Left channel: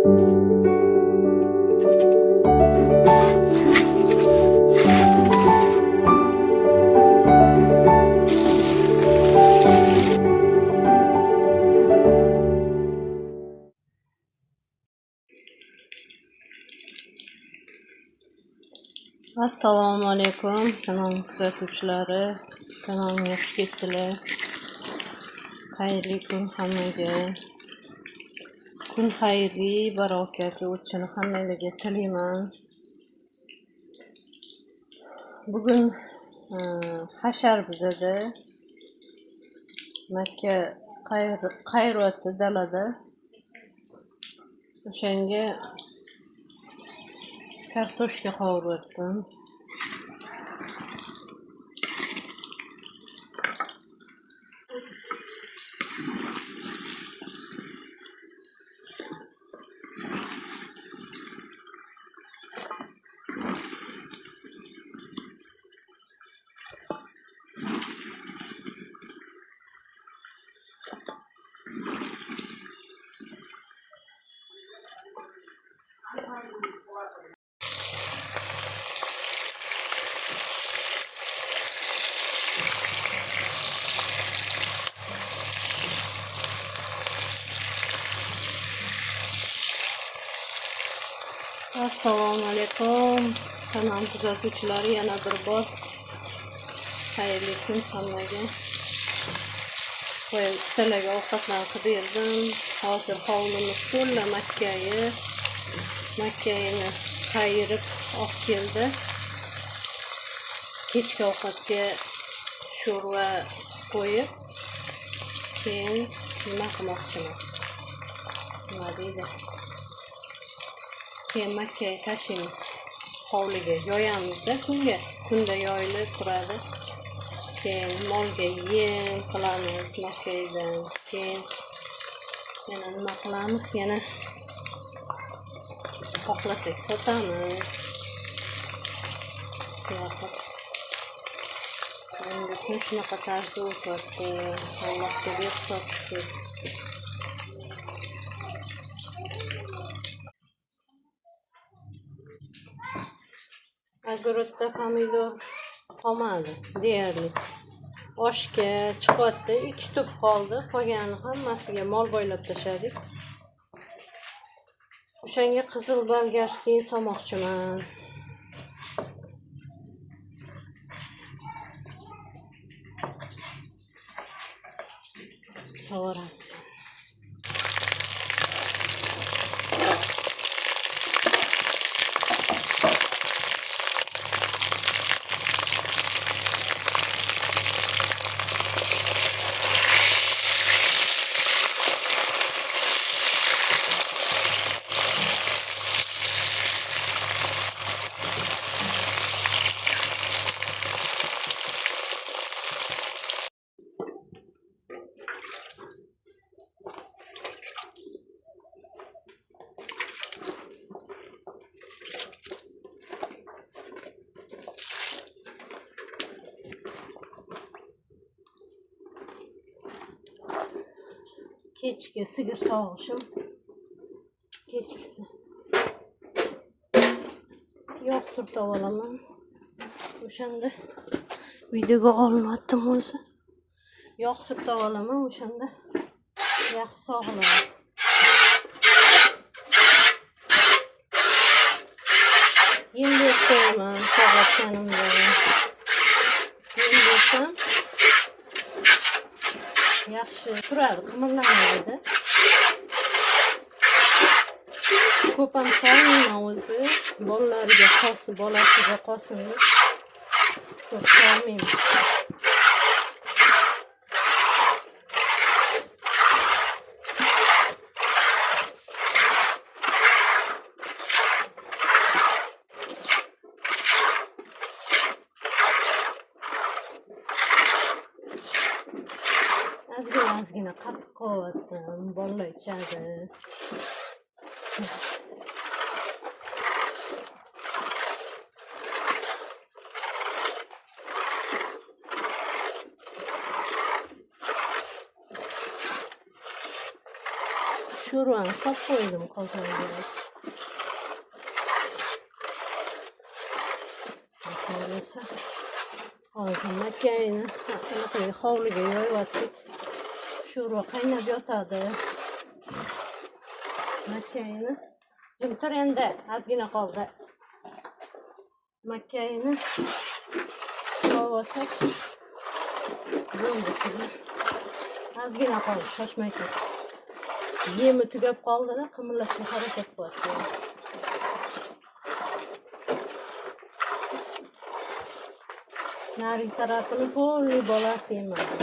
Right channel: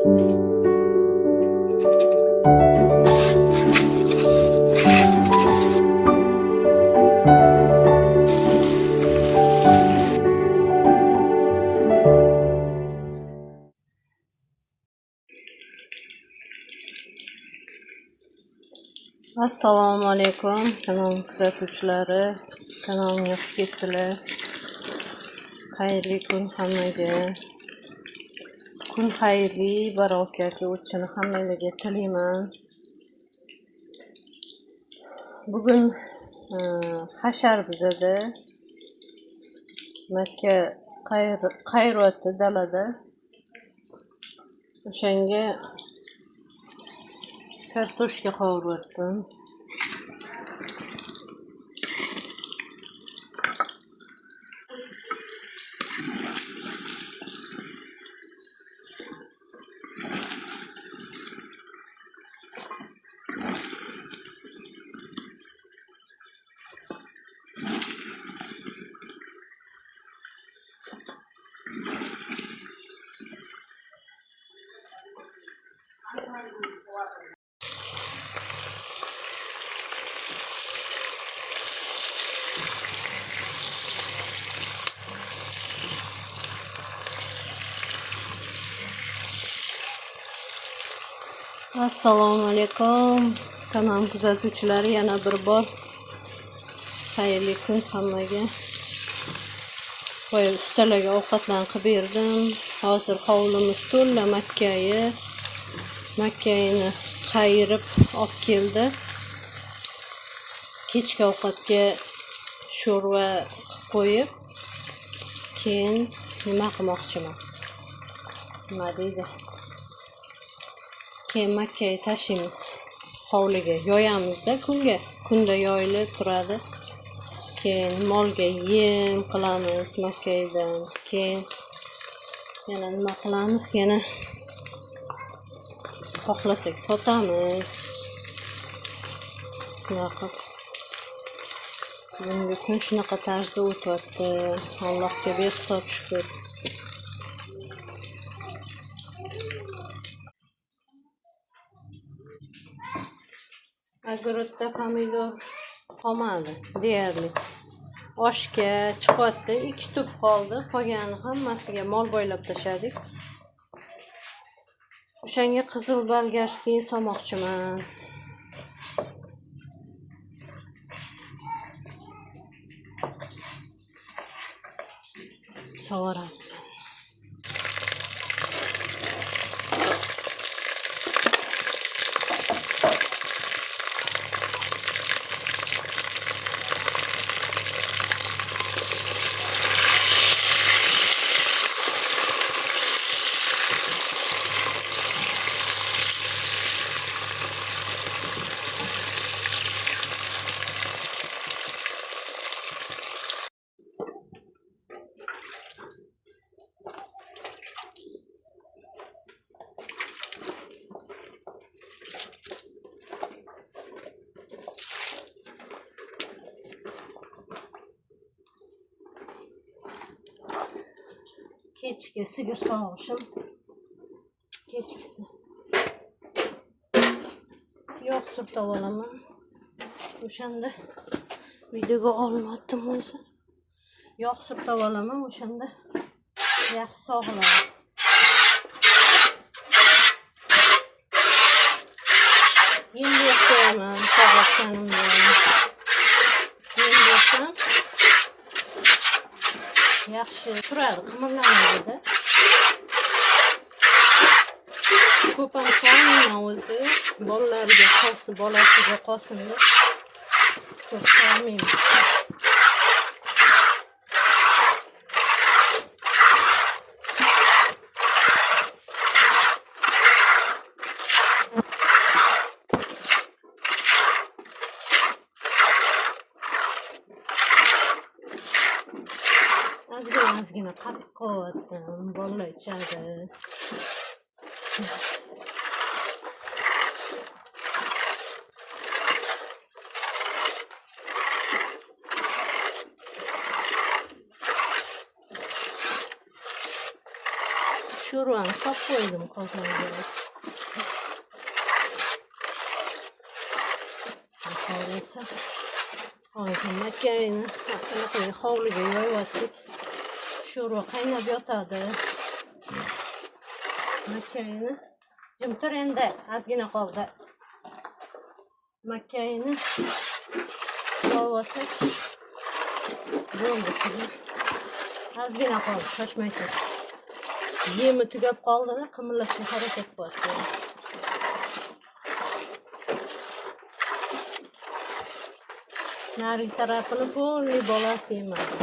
Assalomu alaykum kanal kuzatuvchilari, kanalimga xush kelibsizlar. Xayrli kun hammaga. Kun xayrli, barakatli o'tishini hammalarga tilayman. Bugun hashar bizada Makka qayroti dalada. O'shanga kartoshka qovuryaptim. Assalomu alaykum kanal kuzatuvchilari, yana bir bor xayrli kun hammaga. Qo'yib ustalarga ovqatlarni qilib berdim. Hozir hovlimiz to'la makkayni qayirib olib keldi. Kechki ovqatga sho'rva qo'yib, keyin nima qilmoqchiman? Nima deydi? Keyin makkaga tashlaymiz. Hovliga yoyamizda, kunda yoyilib turadi. Keyin molga yem qilamiz makkaydan. Keyin yana nima qilamiz? Yana xohlasak sotamiz. Endi kun shunaqa tarzda o'tyapti. Allohga behisob shukr. Огородda pomidor qolmadi deyarli. Oshga chiqyapti, 2 tup qoldi. Qolgani hammasiga mol boylab tashladik. O'shanga qizil bolgarskiy solmoqchiman. Sovaramiz. Kechki sigir sog'ishim. Kechkisi. Yo'q, surtib olaman. O'shanda videoga olmadim o'zi. Yo'q, surtib olaman, o'shanda yaxshi sog'iladi. Yem bersam, sog'ayotganimda. Yem bersam yaxshi turadi, qimirlamaydi. Ko'p ham solmayman o'zi. Bolasiga qolsin deb ko'p solmayman. Ozgina qattiq qo'ydim, bolalar ichadi. Sho'rvani solib qo'ydim qozonga. Xohlasa hozir makkayni anaqa hovliga yoyib sho'rva qaynab yotadi. Makkayni jim tur endi, ozgina qoldi. Makkayni yoyib olsak bo'ldi. Ozgina qoldi, shoshmay tur. Yemi tugab qoldi-da, qimirlashga harakat qilyapti. Narigi tarafini polniy bolasi yemadi.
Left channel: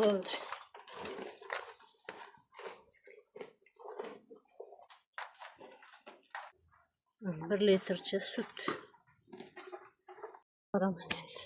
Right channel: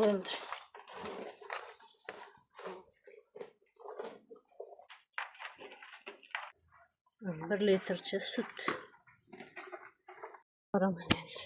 Bo'ldi. 1 litrcha sut. Qo'raman endi.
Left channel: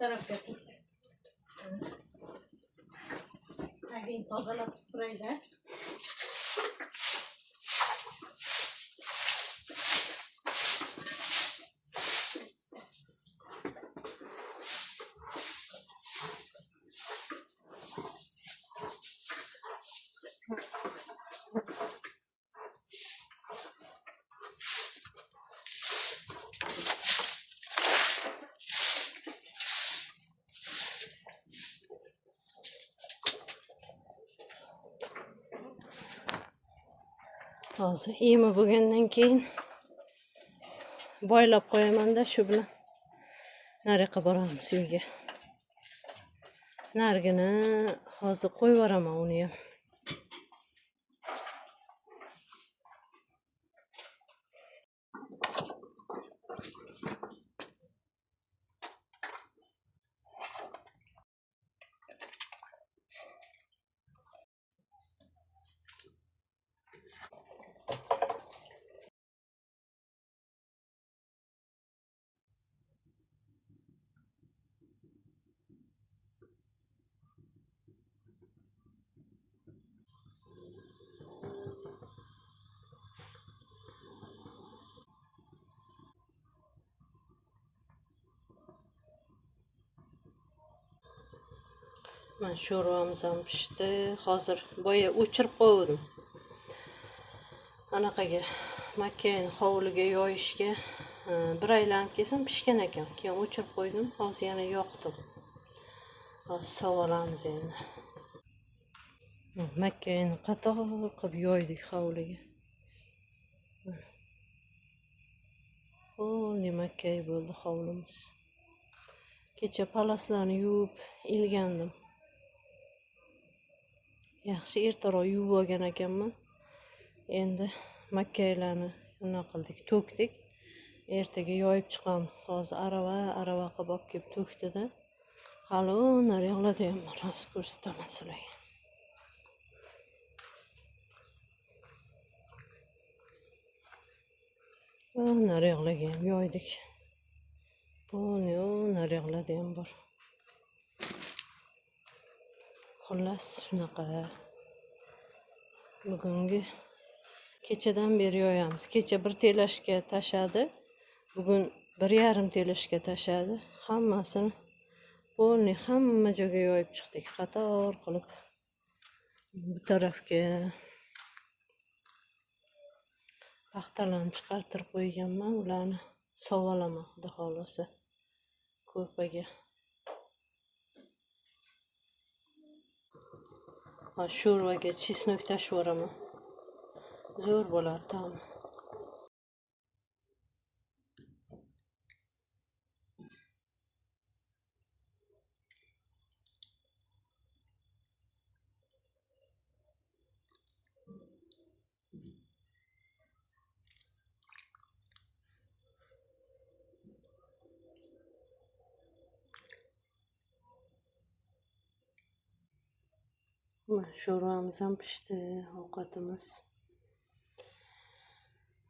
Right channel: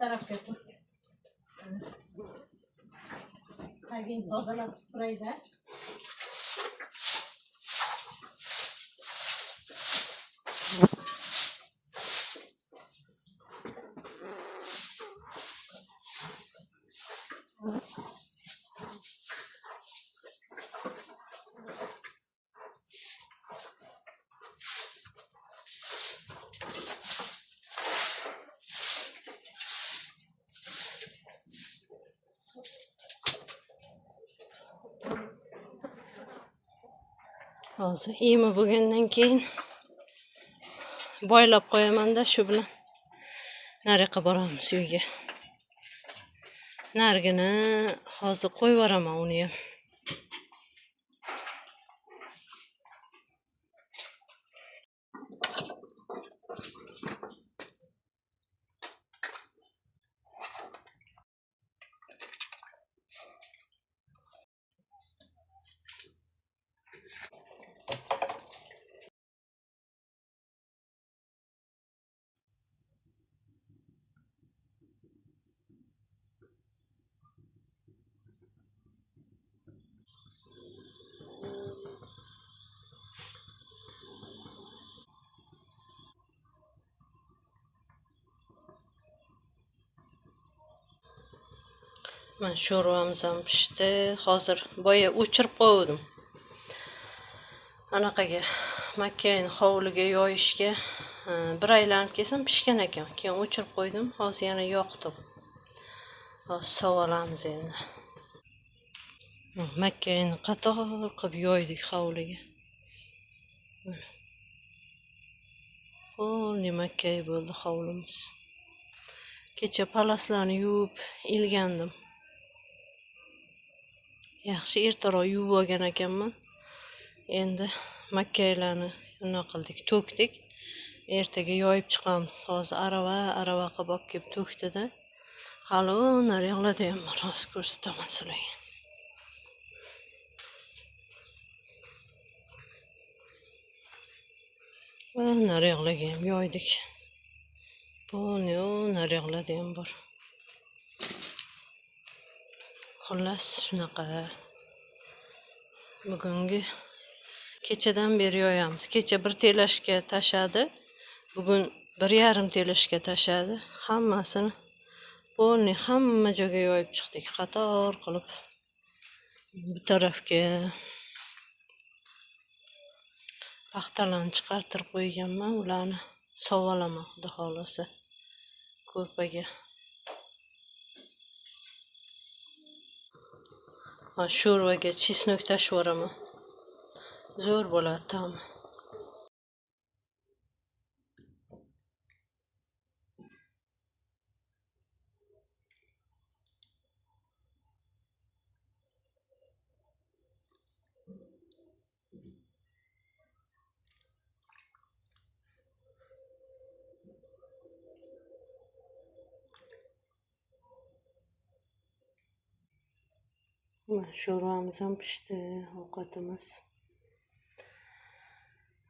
Tarafga tur. Tagini tozalab sprayda. Hozir yemi bo'lgandan keyin boylab qo'yaman-da, shu bilan nariyoqqa boramiz uyga. Narigini hozir qo'yib yuboraman uni ham. Men sho'rvamiz ham pishdi. Hozir boya o'chirib qo'ydim. Anaqaga makkayni hovliga yoyishga bir aylanib kelsam pishgan ekan. Keyin o'chirib qo'ydim. Hozir yana yoqdim. Hozir sovolamiz endi. Makkayni qator qilib yoydik hovliga. Polniy makkay bo'ldi hovlimiz. Kecha palaslarni yuvib ilgandim. Yaxshi ertaroq yuvib olgan ekanman. Endi makkaylarni nima qildik, to'kdik. Ertaga yoyib chiqamiz. Hozir arava qilib olib kelib to'kdi-da. Hali nari yoqlada ham rost ko'rsataman sizlarga. Naryoqlarga ham yoydik. Bu naryoqlarda ham bor. Xullas shunaqa. Bugungi kechadan beri yoyamiz. Kecha 1 telashga tashadi. Bugun 1,5 telashga tashadi. Hammasini polni hamma joyga yoyib chiqdik. Qator qilib bu tarafga paxtalarni chiqartirib qo'yganman. Ularni sovalaman xudo xolasa ko'rpaga. Sho'rvaga chesnok tashib yuboraman. Zo'r bo'ladi ta'mi. Sho'rvamiz ham pishdi, ovqatimiz.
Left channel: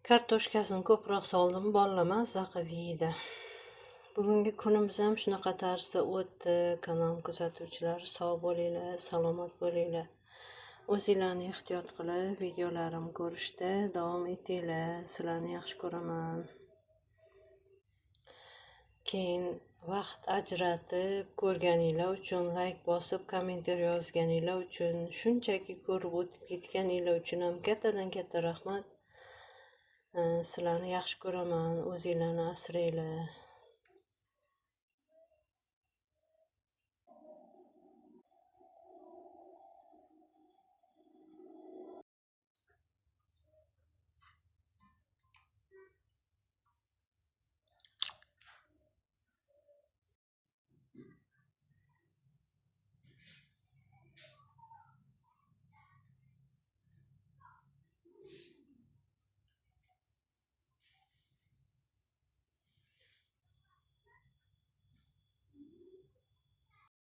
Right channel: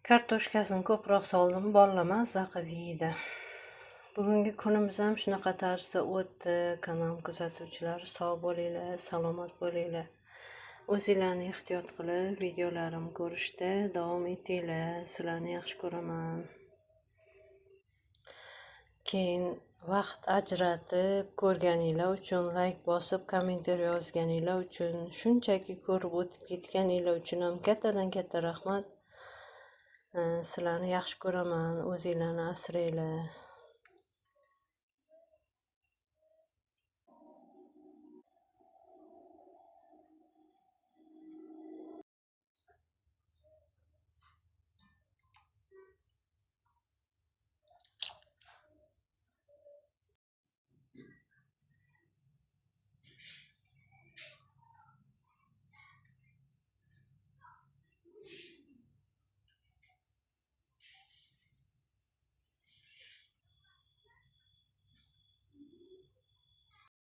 Kartoshkasini ko'proq soldim, bolalar mazza qilib yeydi. Bugungi kunimiz ham shunaqa tarzda o'tdi. Kanal kuzatuvchilari sog' bo'linglar, salomat bo'linglar. O'zinglarni ehtiyot qilib, videolarimni ko'rishda davom etinglar. Sizlarni yaxshi ko'raman. Keyin vaqt ajratib ko'rganinglar uchun, like bosib, kommentator yozganinglar uchun, shunchaki ko'rib o'tib ketganinglar uchun ham kattadan katta rahmat. Sizlarni yaxshi ko'raman. O'zinglarni asranglar.